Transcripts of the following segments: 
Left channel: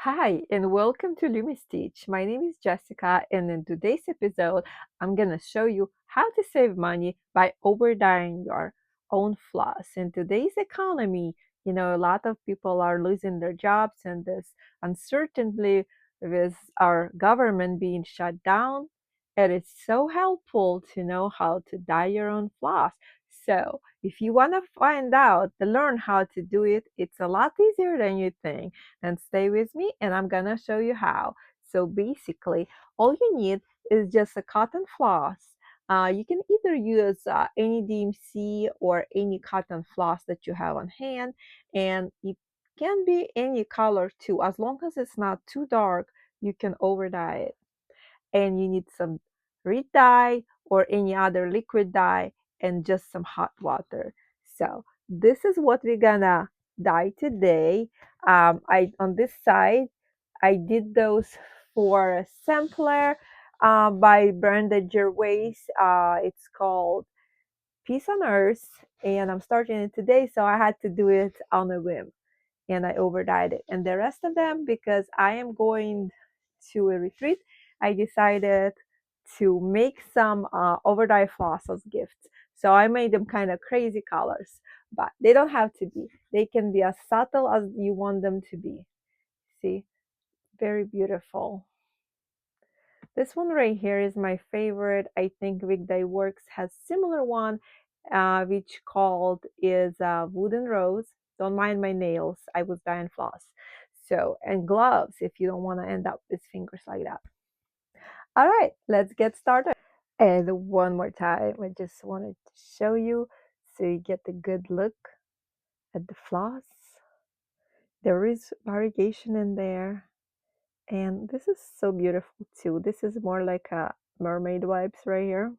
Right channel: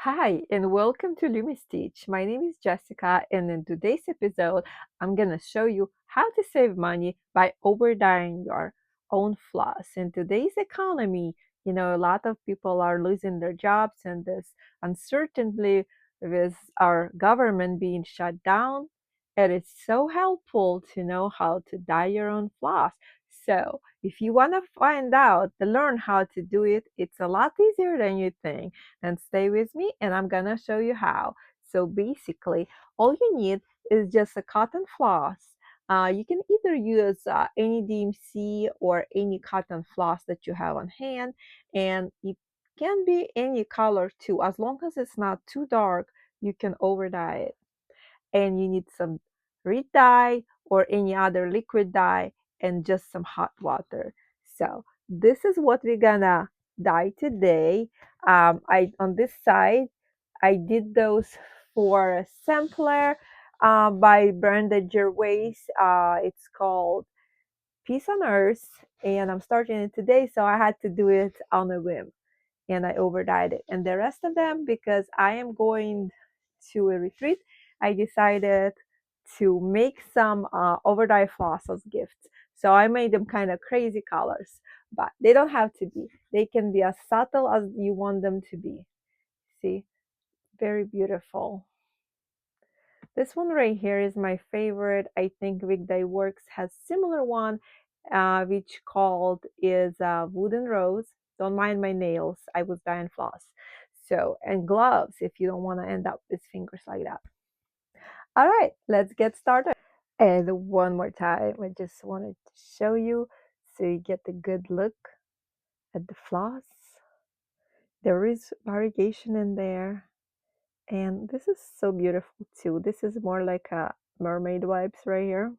Hi, and welcome to Lumi Stitch. My name is Jessica, and in today's episode, I'm gonna show you how to save money by overdying your own floss. In today's economy, a lot of people are losing their jobs, and this uncertainty with our government being shut down, it is so helpful to know how to dye your own floss. So, if you want to find out, to learn how to do it, it's a lot easier than you think, and stay with me and I'm gonna show you how. So basically, all you need is just a cotton floss. You can either use any DMC or any cotton floss that you have on hand, and it can be any color too. As long as it's not too dark, you can over dye it. And you need some red dye or any other liquid dye and just some hot water. So this is what we're gonna dye today. I on this side I did those for a sampler by Brenda Gervais. It's called Peace on Earth, and I'm starting it today, so I had to do it on a whim, and I overdyed it. And the rest of them, because I am going to a retreat, I decided to make some overdye floss as gifts. So I made them kind of crazy colors, but they don't have to be. They can be as subtle as you want them to be. See, very beautiful. This one right here is my favorite. I think Weekday Works has similar one, which called is Wooden Rose. Don't mind my nails. I was dyeing floss. So, and gloves if you don't want to end up with fingers like that. All right, let's get started. And one more time, I just wanted to show you so you get a good look at the floss. There is variegation in there. And this is so beautiful too. This is more like a mermaid vibes right here.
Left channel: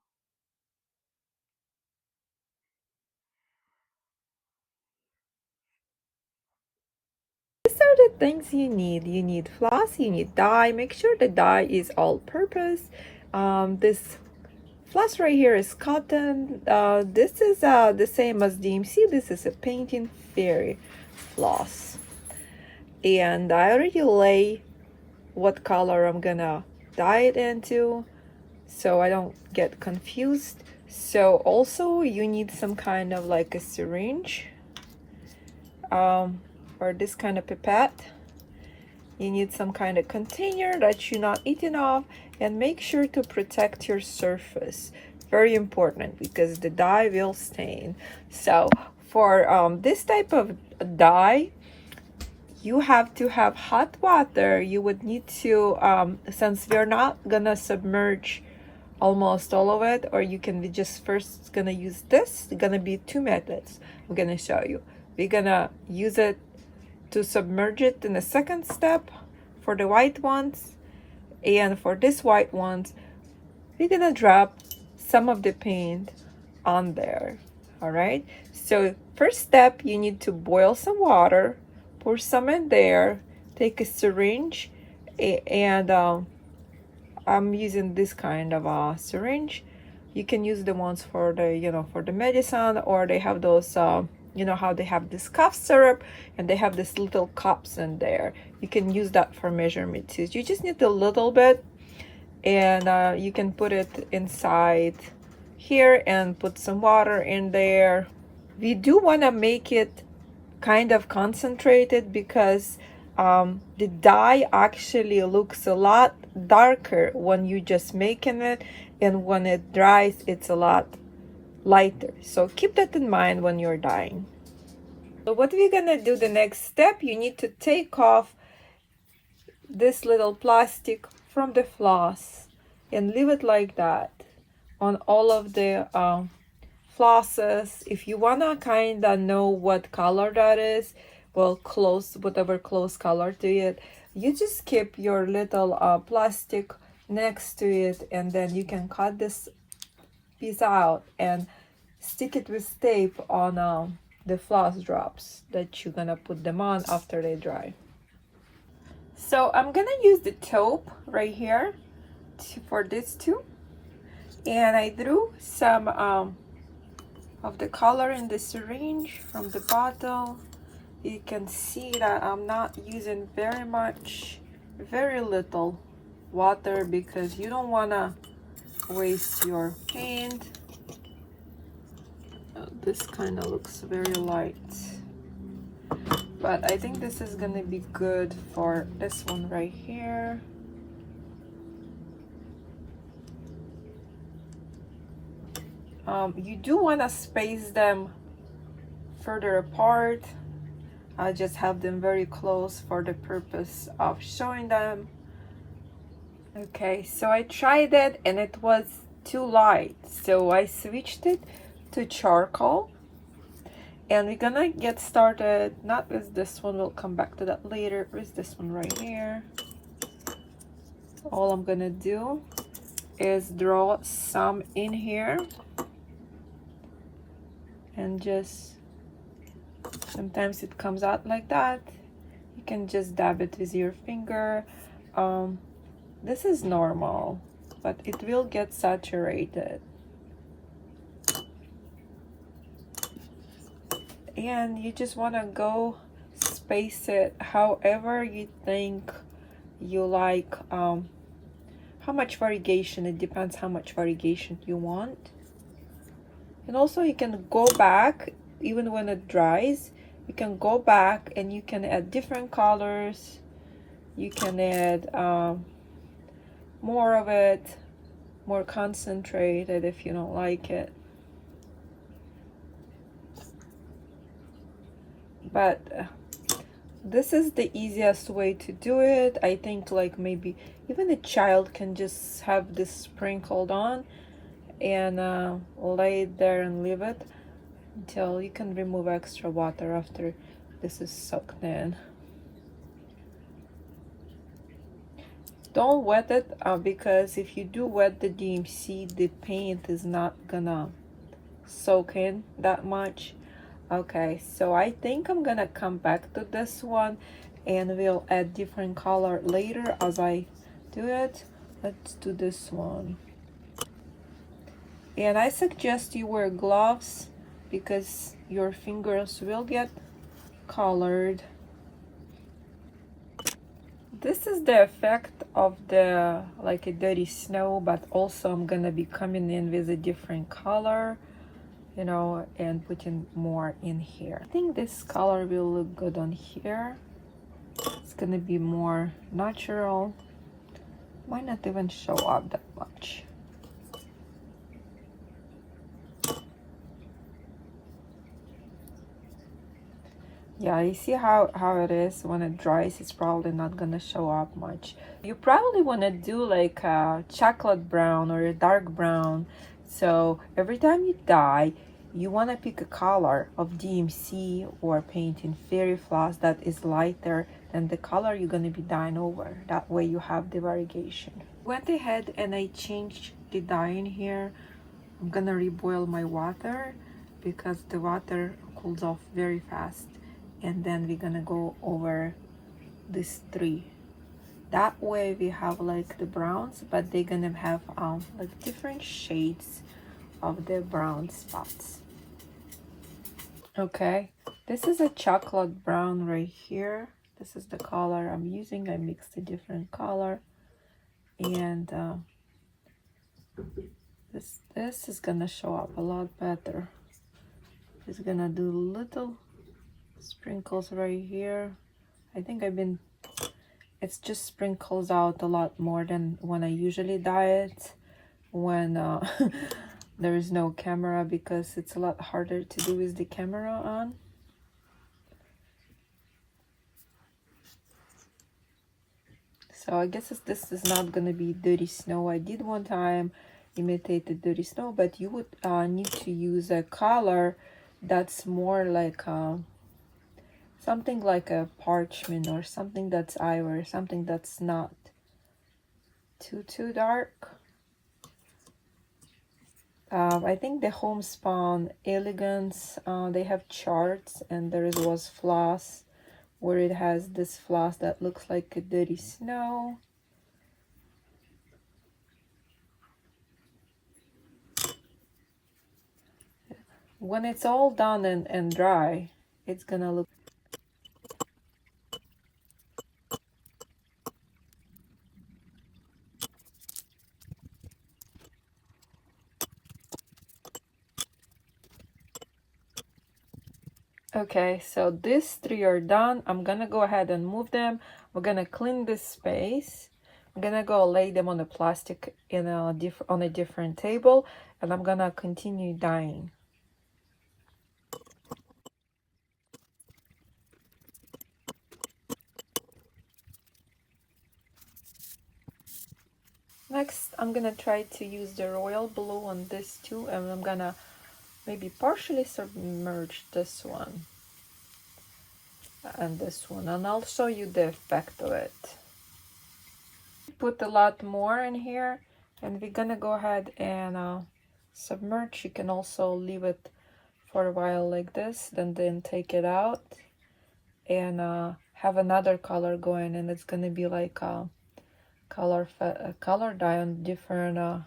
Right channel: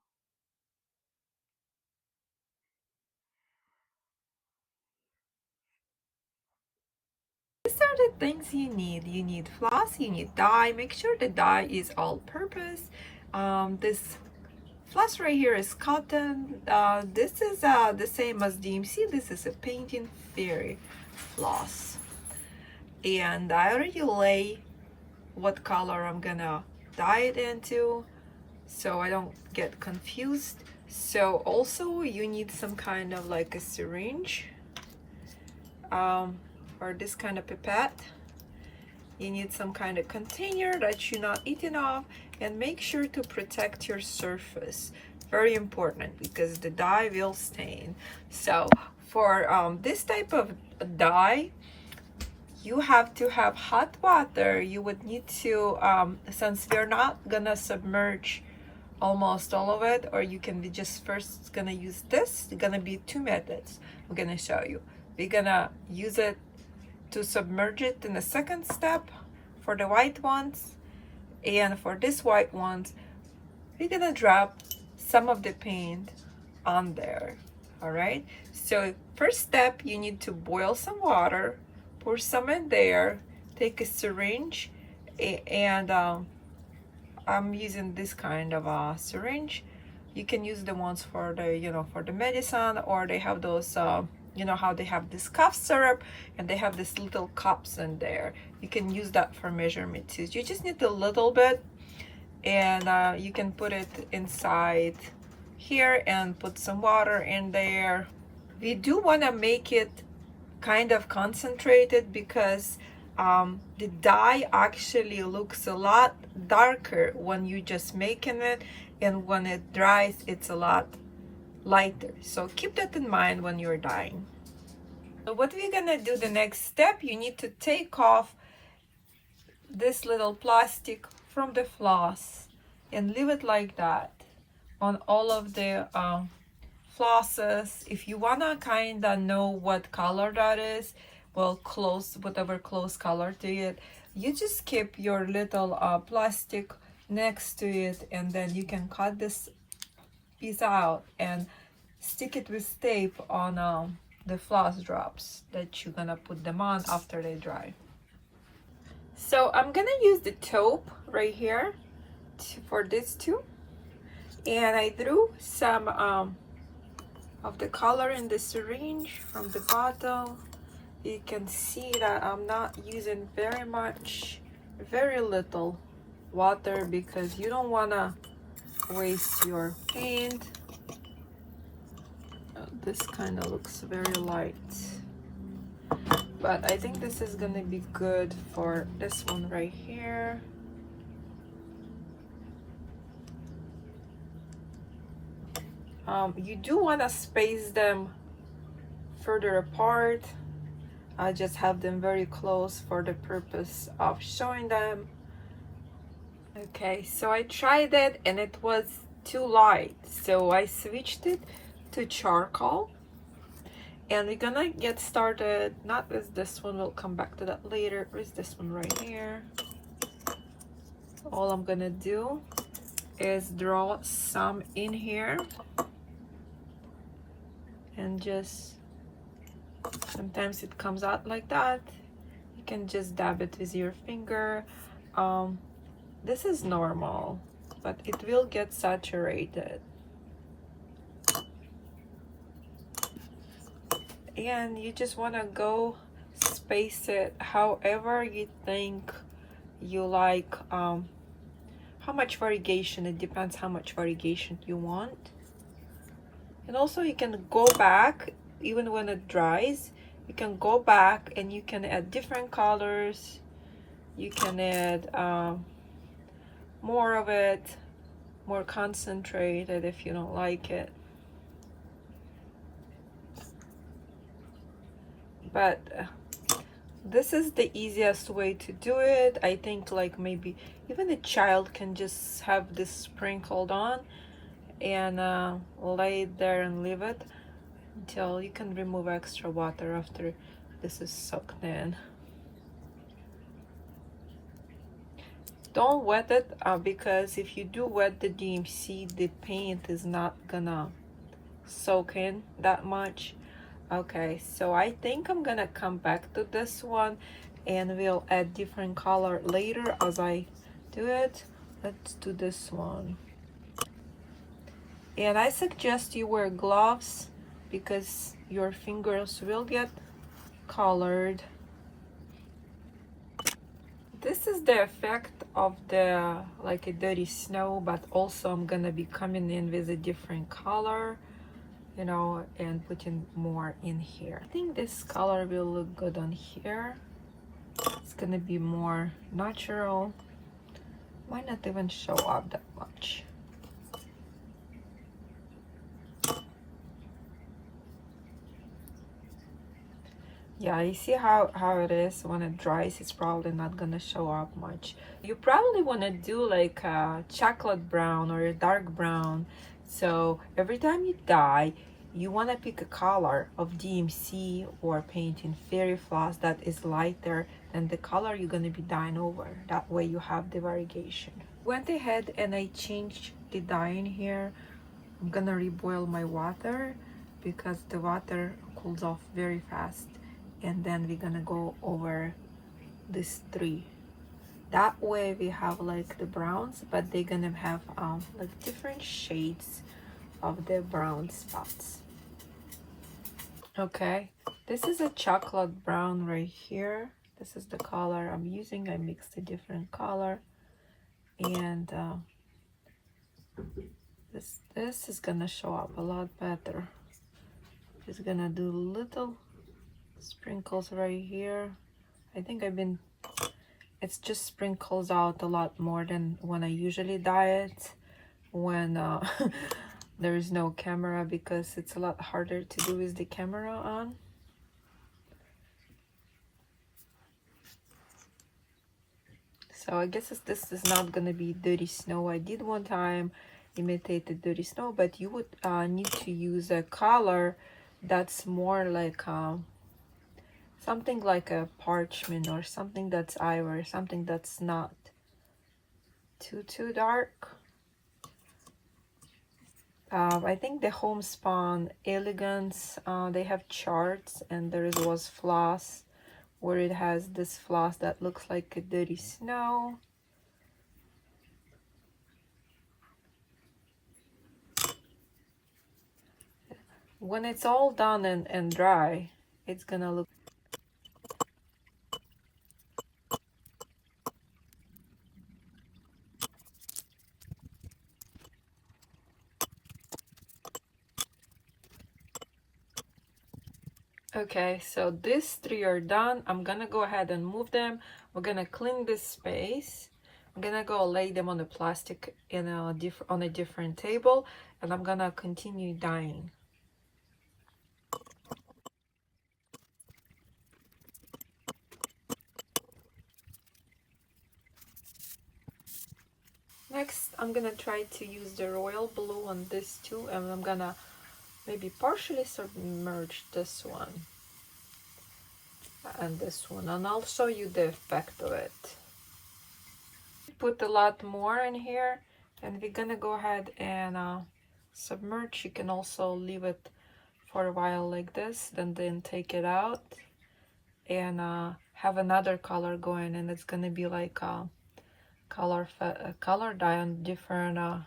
These are the things you need. You need floss, you need dye. Make sure the dye is all purpose. This floss right here is cotton. This is the same as DMC. This is a painting fairy floss. And I already lay what color I'm gonna dye it into so I don't get confused. So also you need some kind of like a syringe or this kind of pipette. You need some kind of container that you're not eating off, and make sure to protect your surface. Very important because the dye will stain. So for this type of dye, you have to have hot water. You would need to, since we're not gonna submerge almost all of it, or you can be just first gonna use this. It's gonna be two methods I'm gonna show you. We're gonna use it to submerge it in the second step for the white ones, and for this white ones we're gonna drop some of the paint on there. All right, so first step, you need to boil some water, pour some in there, take a syringe, and I'm using this kind of a syringe. You can use the ones for the for the medicine, or they have those how they have this cough syrup and they have this little cups in there. You can use that for measurement too. You just need a little bit, and you can put it inside here and put some water in there. We do want to make it kind of concentrated because the dye actually looks a lot darker when you just making it, and when it dries it's a lot lighter. So keep that in mind when you're dyeing. So what we're gonna do, the next step, you need to take off this little plastic from the floss and leave it like that on all of the flosses. If you wanna kind of know what color that is, well, whatever close color to it, you just keep your little plastic next to it, and then you can cut this piece out and stick it with tape on the floss drops that you're gonna put them on after they dry. So I'm gonna use the taupe right here for this too, and I drew some of the color in the syringe from the bottle, you can see that I'm not using very little water, because you don't want to waste your paint. This kind of looks very light, but I think this is gonna be good for this one right here. You do want to space them further apart. I just have them very close for the purpose of showing them. Okay, so I tried it and it was too light, so I switched it to charcoal, and we're gonna get started not with this one, we'll come back to that later, with this one right here. All I'm gonna do is draw some in here, and just sometimes it comes out like that. You can just dab it with your finger. This is normal, but it will get saturated. And you just want to go space it however you think you like. How much variegation, it depends how much variegation you want. And also you can go back, even when it dries, you can go back and you can add different colors. You can add more of it, more concentrated if you don't like it. But this is the easiest way to do it. I think like maybe even a child can just have this sprinkled on and lay it there and leave it until you can remove extra water after this is soaked in. Don't wet it because if you do wet the DMC, the paint is not gonna soak in that much. Okay, so I think I'm gonna come back to this one and we'll add different color later as I do it. Let's do this one. And I suggest you wear gloves because your fingers will get colored. This is the effect of the like a dirty snow, but also I'm gonna be coming in with a different color, you know, and putting more in here. I think this color will look good on here. It's gonna be more natural. Might not even show up that much. Yeah, you see how it is when it dries, it's probably not gonna show up much. You probably want to do like a chocolate brown or a dark brown. So every time you dye, you want to pick a color of DMC or painting fairy floss that is lighter than the color you're going to be dyeing over. That way you have the variegation. Went ahead and I changed the dye in here. I'm going to reboil my water because the water cools off very fast. And then we're going to go over these three. That way we have like the browns, but they're going to have like different shades of the brown spots. Okay, this is a chocolate brown right here. This is the color I'm using. I mixed a different color, and this is gonna show up a lot better. Just gonna do little sprinkles right here. I think it's just sprinkles out a lot more than when I usually dye it when there is no camera, because it's a lot harder to do with the camera on. So I guess this is not gonna be dirty snow. I did one time imitate the dirty snow, but you would need to use a color that's more like something like a parchment or something that's ivory, something that's not too dark. I think the Homespun Elegance, they have charts, and there was floss where it has this floss that looks like a dirty snow. When it's all done and dry, it's gonna look. Okay, so these three are done. I'm gonna go ahead and move them. We're gonna clean this space. I'm gonna go lay them on the plastic in on a different table, and I'm gonna continue dyeing. Next, I'm gonna try to use the royal blue on this too, and I'm gonna maybe partially submerge this one and this one, and I'll show you the effect of it. Put a lot more in here, and we're gonna go ahead and submerge. You can also leave it for a while like this, then take it out and have another color going, and it's gonna be like a color dye on different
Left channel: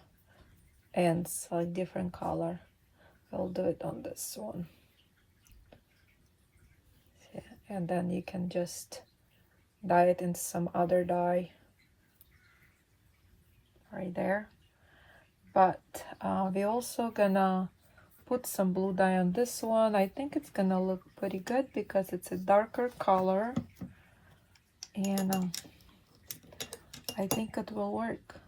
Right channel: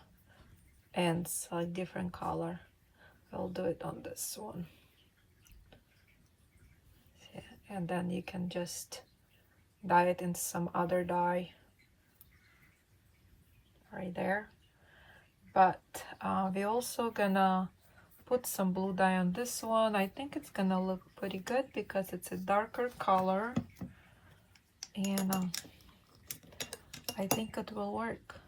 ends, like different color. I'll do it on this one. Yeah, and then you can just dye it in some other dye right there. But we're also gonna put some blue dye on this one. I think it's gonna look pretty good because it's a darker color, and I think it will work.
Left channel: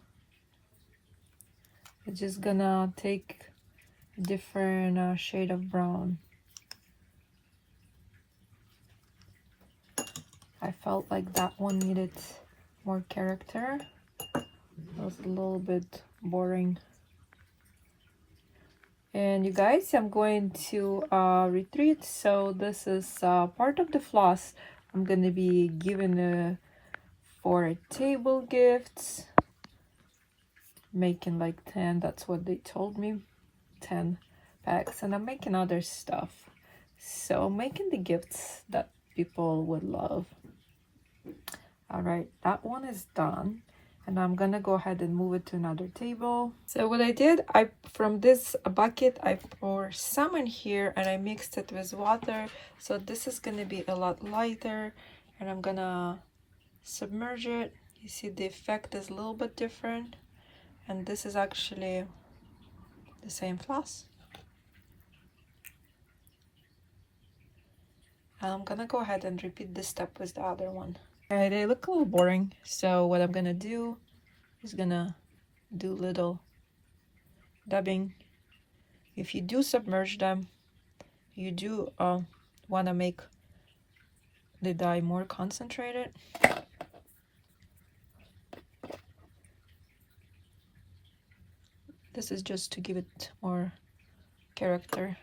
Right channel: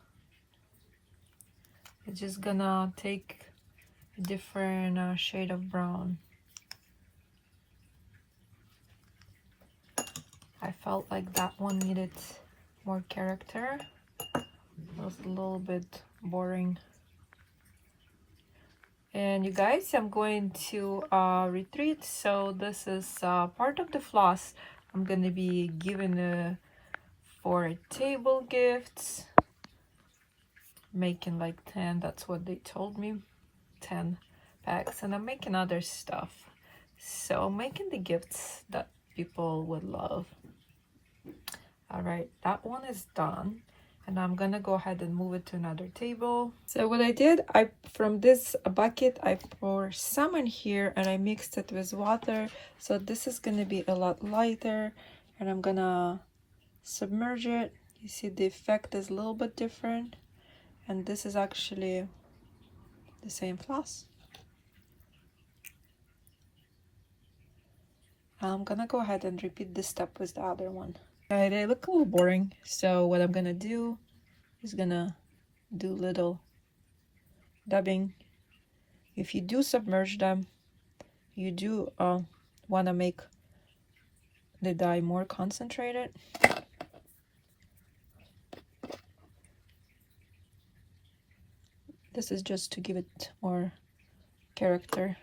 It's just gonna take a different shade of brown. I felt like that one needed more character. It was a little bit boring. And you guys, I'm going to retreat, so this is part of the floss I'm gonna be giving for table gifts, making like 10, that's what they told me, 10 packs, and I'm making other stuff, so I'm making the gifts that people would love. All right, that one is done, and I'm gonna go ahead and move it to another table. So what I did, from this bucket I pour some in here and I mixed it with water, so this is gonna be a lot lighter, and I'm gonna submerge it. You see the effect is a little bit different, and this is actually the same floss. I'm gonna go ahead and repeat this step with the other one. Okay, they look a little boring, so what I'm gonna do is gonna do little dabbing. If you do submerge them, you do want to make the dye more concentrated. This is just to give it more character.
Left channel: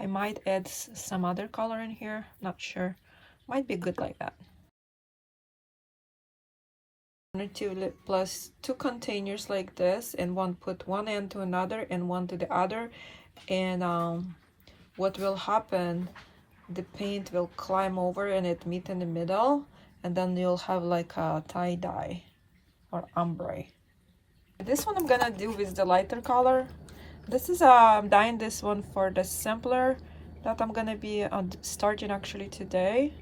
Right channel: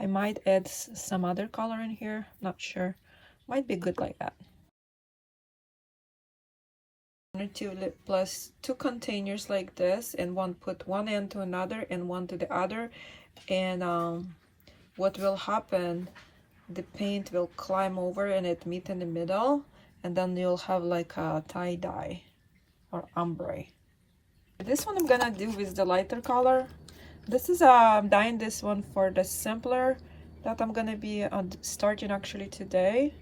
I might add some other color in here, not sure. Might be good like that. To plus 2 containers like this, and put one end to another and one to the other, and what will happen, the paint will climb over and it meet in the middle, and then you'll have like a tie-dye or ombre. This one I'm gonna do with the lighter color. This is I'm dyeing this one for the sampler that I'm gonna be starting actually today.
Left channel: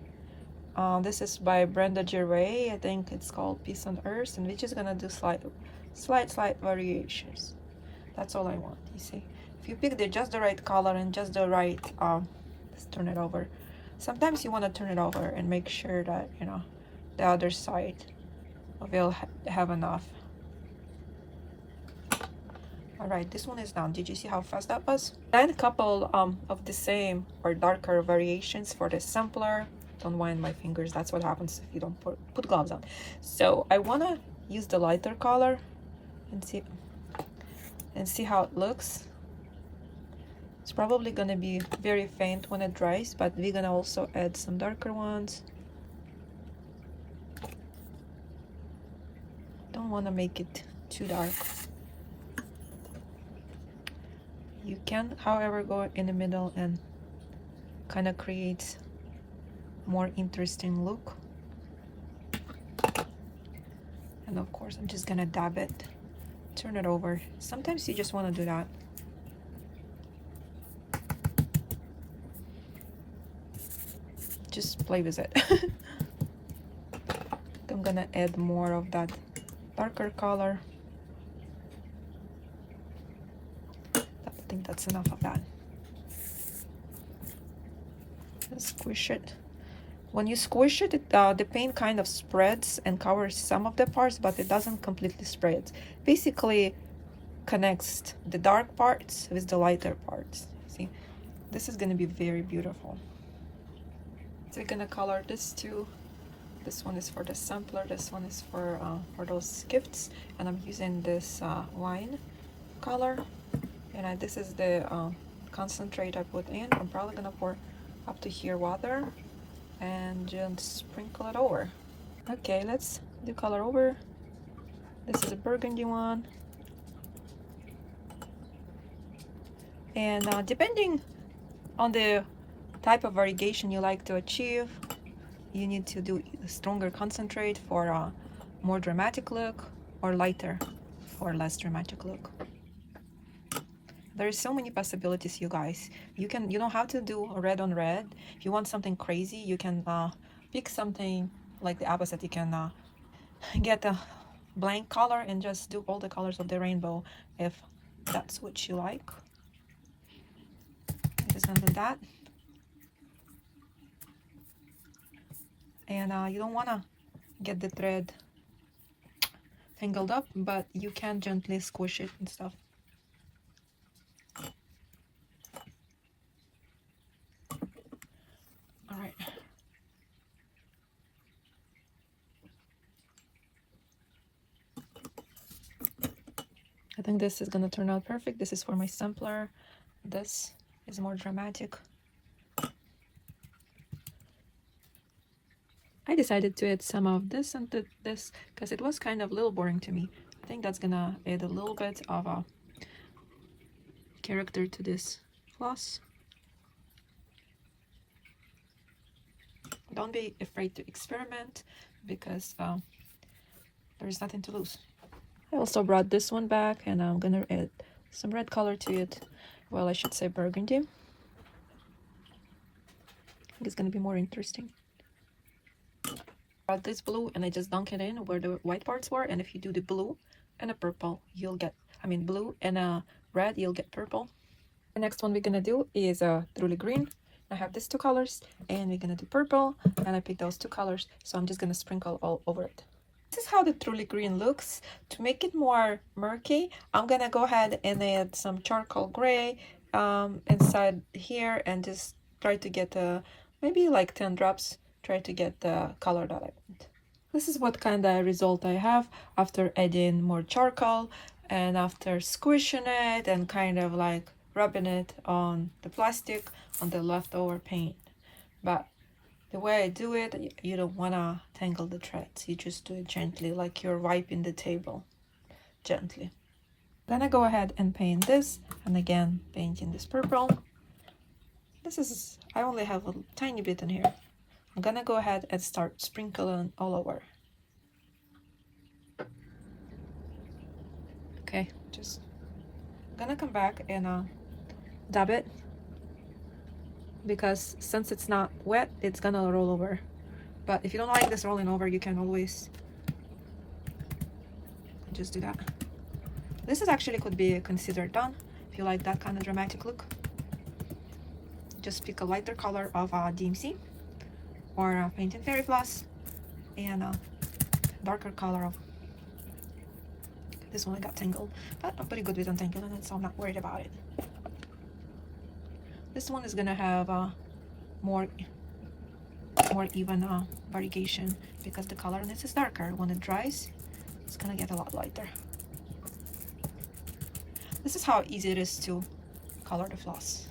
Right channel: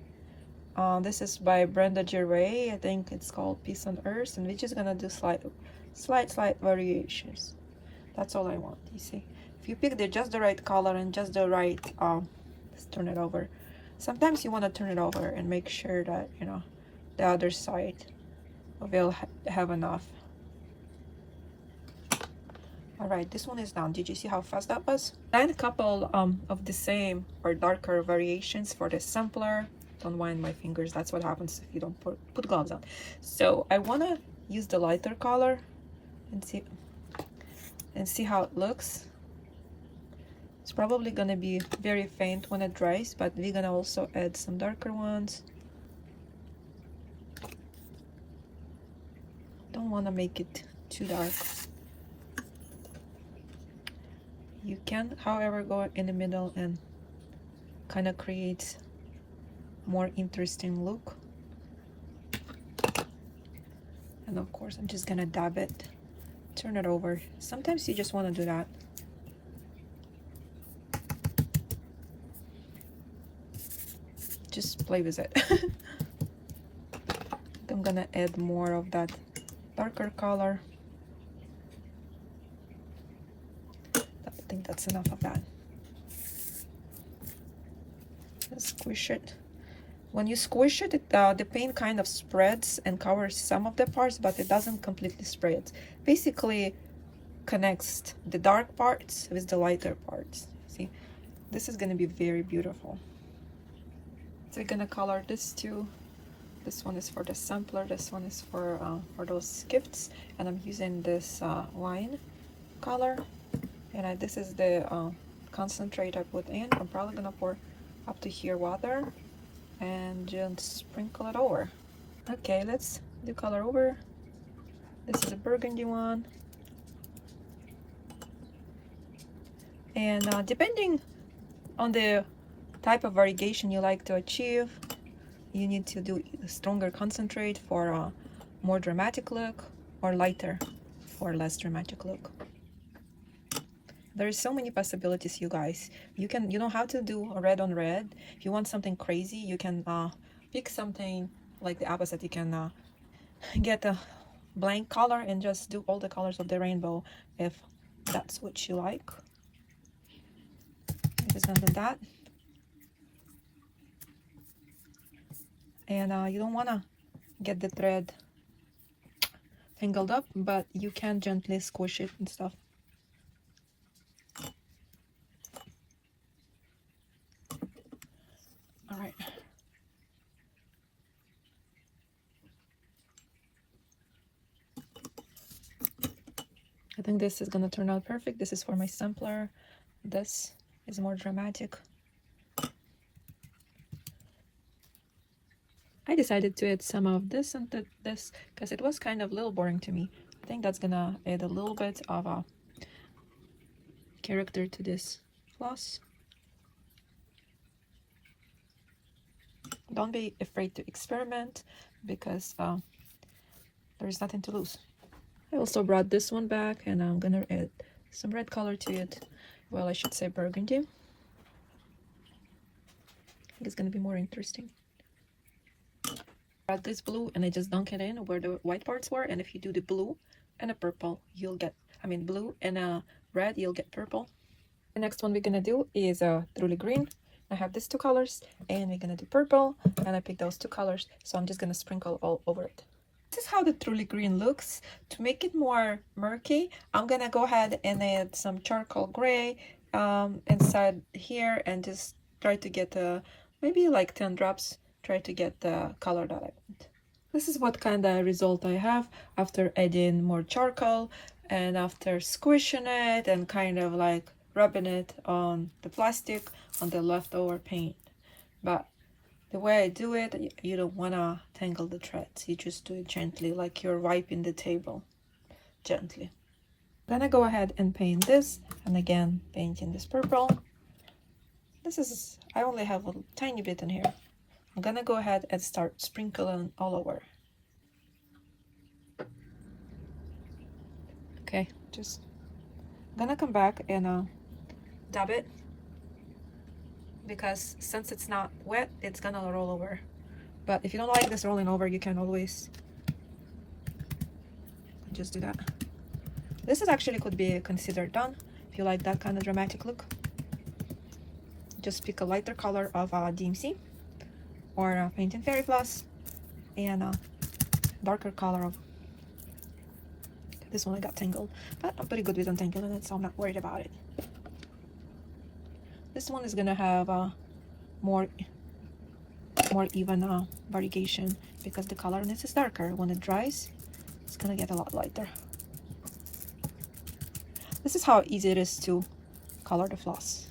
This is by Brenda Gervais. I think it's called Peace on Earth, and we're just gonna do slight variations. That's all I want. You see, if you pick just the right color and just the right let's turn it over. Sometimes you want to turn it over and make sure that, you know, the other side will have enough. All right, this one is done. Did you see how fast that was? And a couple of the same or darker variations for the sampler. Don't wind my fingers, that's what happens if you don't put gloves on. So I want to use the lighter color and see how it looks. It's probably gonna be very faint when it dries, but we're gonna also add some darker ones. Don't want to make it too dark. You can, however, go in the middle and kind of create more interesting look. And of course, I'm just gonna dab it, turn it over. Sometimes you just want to do that. Just play with it. I'm gonna add more of that darker color. think that's enough of that. Just squish it. When you squish it, the paint kind of spreads and covers some of the parts, but it doesn't completely spread. Basically connects the dark parts with the lighter parts. See, this is going to be very beautiful. So we're going to color this too. This one is for the sampler, this one is for those gifts, and I'm using this wine color, and this is the concentrate I put in. I'm probably gonna pour up to here water and just sprinkle it over. Okay, let's do color over. This is a burgundy one, and depending on the type of variegation you like to achieve, you need to do a stronger concentrate for a more dramatic look, or lighter for less dramatic look. There's so many possibilities, you guys. You don't have to do red on red. If you want something crazy, you can pick something like the opposite. You can get a blank color and just do all the colors of the rainbow if that's what you like. I'm just gonna do that. And you don't want to get the thread tangled up, but you can gently squish it and stuff. All right. I think this is gonna turn out perfect. This is for my sampler. This is more dramatic. I decided to add some of this and this because it was kind of a little boring to me. I think that's gonna add a little bit of a character to this floss. Don't be afraid to experiment, because there's nothing to lose. I also brought this one back, and I'm gonna add some red color to it. Well, I should say burgundy. I think it's gonna be more interesting. Brought this blue and I just dunk it in where the white parts were, and if you do the blue and a purple, you'll get, blue and a red, you'll get purple. The next one we're gonna do is truly green. I have these two colors, and we're gonna do purple, and I picked those two colors, so I'm just gonna sprinkle all over it. This is how the truly green looks. To make it more murky, I'm gonna go ahead and add some charcoal gray inside here, and just try to get maybe like 10 drops. Try to get the color that I want. This is what kind of result I have after adding more charcoal and after squishing it and kind of like rubbing it on the plastic on the leftover paint. But the way I do it, you don't want to tangle the threads. You just do it gently, like you're wiping the table gently. Then I go ahead and paint this, and again painting this purple. I only have a tiny bit in here. I'm gonna go ahead and start sprinkling all over. Okay, just gonna come back and dab it, because since it's not wet, it's gonna roll over. But if you don't like this rolling over, you can always just do that. This is actually could be considered done if you like that kind of dramatic look. Just pick a lighter color of DMC or painting fairy floss, and a darker color of this one. I got tangled, but I'm pretty good with untangling it, so I'm not worried about it. This one is gonna have more even variegation, because the color in this is darker. When it dries, it's gonna get a lot lighter. This is how easy it is to color the floss.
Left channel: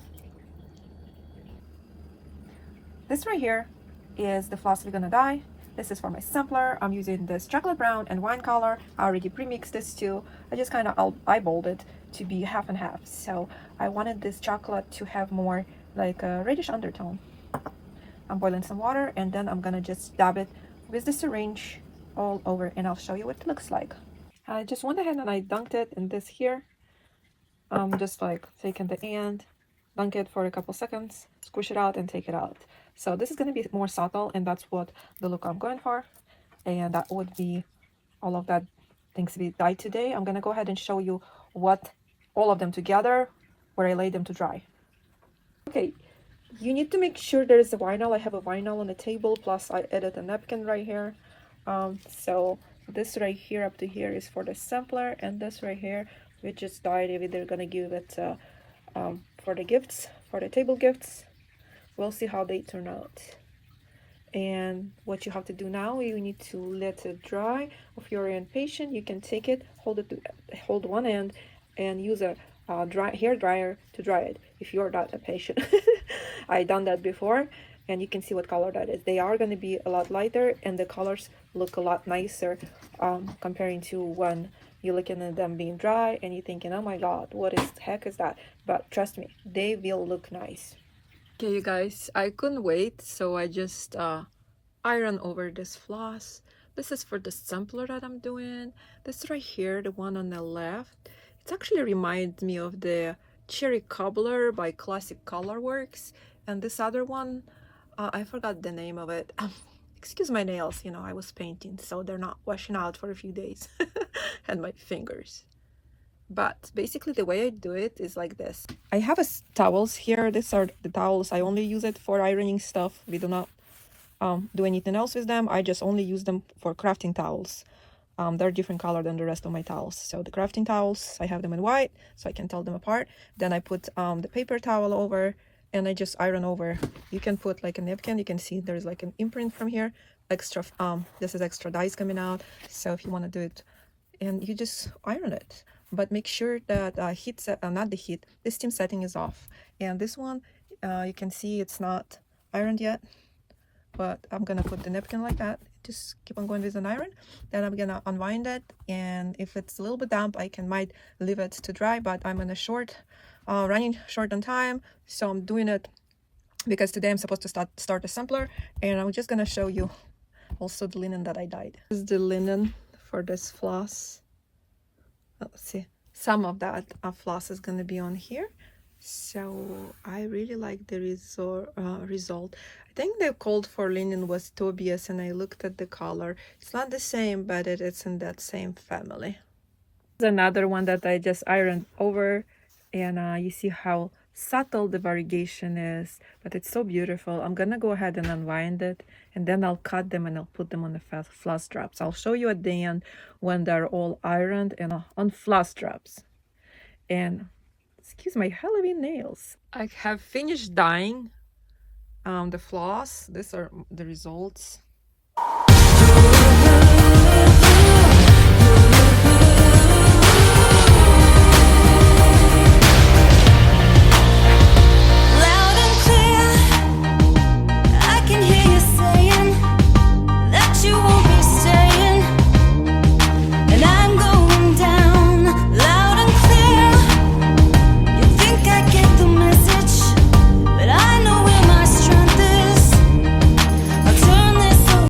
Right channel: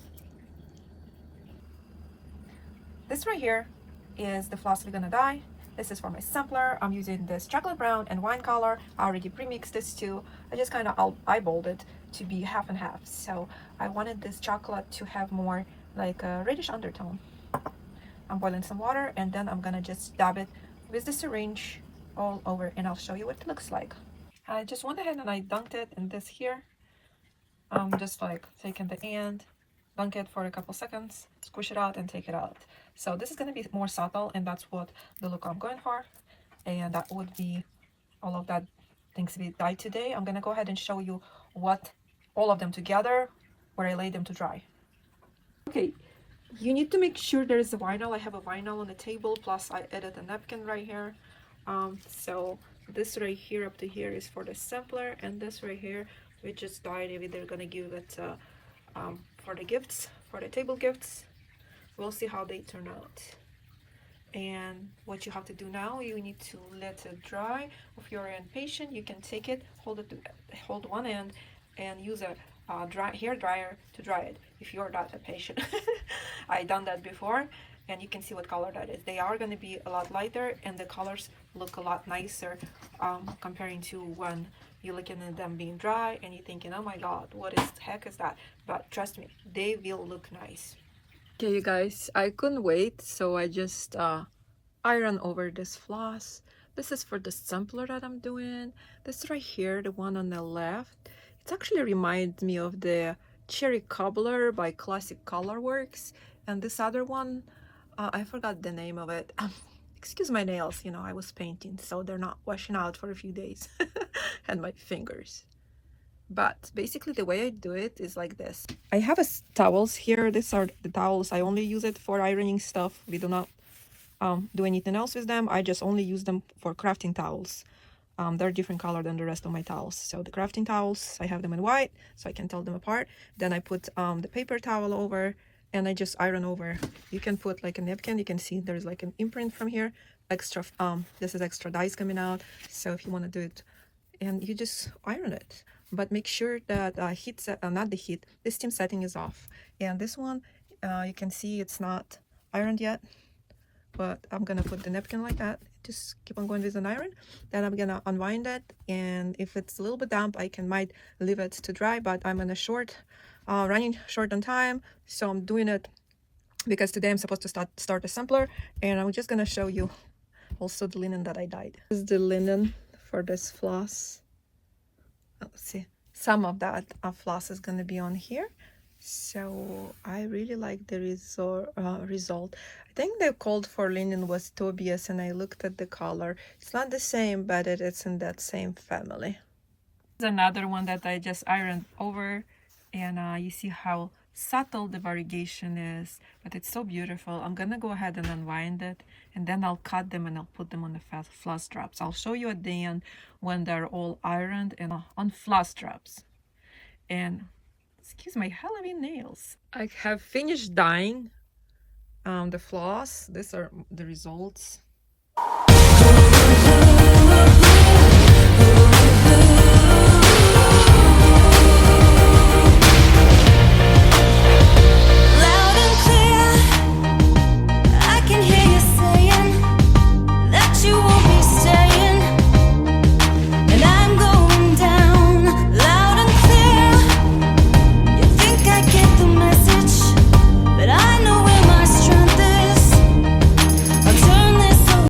This right here is the floss we're gonna dye. This is for my sampler. I'm using this chocolate brown and wine color. I already pre-mixed this too. I just kind of eyeballed it to be half and half. So I wanted this chocolate to have more like a reddish undertone. I'm boiling some water, and then I'm gonna just dab it with the syringe all over, and I'll show you what it looks like. I just went ahead and I dunked it in this here. Just like taking the end, dunk it for a couple seconds, squish it out and take it out. So this is going to be more subtle, and that's what the look I'm going for, and that would be all of that things we dyed today. I'm going to go ahead and show you what all of them together where I lay them to dry. Okay, you need to make sure there is a vinyl. I have a vinyl on the table, plus I added a napkin right here. So this right here up to here is for the sampler, and this right here we just dyed it. They're gonna give it for the gifts, for the table gifts. We'll see how they turn out. And what you have to do now, you need to let it dry. If you're impatient, you can take it, hold one end, and use a hair dryer to dry it. If you're not impatient, I done that before, and you can see what color that is. They are going to be a lot lighter, and the colors look a lot nicer comparing to when you're looking at them being dry and you're thinking, oh my god, what is the heck is that? But trust me, they will look nice. Okay, you guys, I couldn't wait, so I just iron over this floss. This is for the sampler that I'm doing. This right here, the one on the left, it actually reminds me of the Cherry Cobbler by Classic Colorworks. And this other one, I forgot the name of it. Excuse my nails, you know, I was painting, so they're not washing out for a few days. And my fingers. But basically the way I do it is like this. I have towels here. These are the towels. I only use it for ironing stuff. We do not do anything else with them. I just only use them for crafting towels. They're different color than the rest of my towels. So the crafting towels, I have them in white so I can tell them apart. Then I put the paper towel over and I just iron over. You can put like a napkin. You can see there's like an imprint from here. Extra, this is extra dyes coming out. So if you want to do it, and you just iron it. But make sure that the steam setting is off. And this one, you can see it's not ironed yet, but I'm gonna put the napkin like that. Just keep on going with an iron. Then I'm gonna unwind it, and if it's a little bit damp, might leave it to dry, but I'm in a running short on time, so I'm doing it because today I'm supposed to start a sampler, and I'm just gonna show you also the linen that I dyed. This is the linen for this floss. Let's see, some of that floss is going to be on here, so I really like the result. I think the called for linen was Tobias, and I looked at the color. It's not the same, but it's in that same family. There's another one that I just ironed over, and you see how subtle the variegation is, but it's so beautiful. I'm gonna go ahead and unwind it, and then I'll cut them and I'll put them on the floss straps. I'll show you at the end when they're all ironed and on floss straps. And excuse my Halloween nails. I have finished dyeing the floss. These are the results.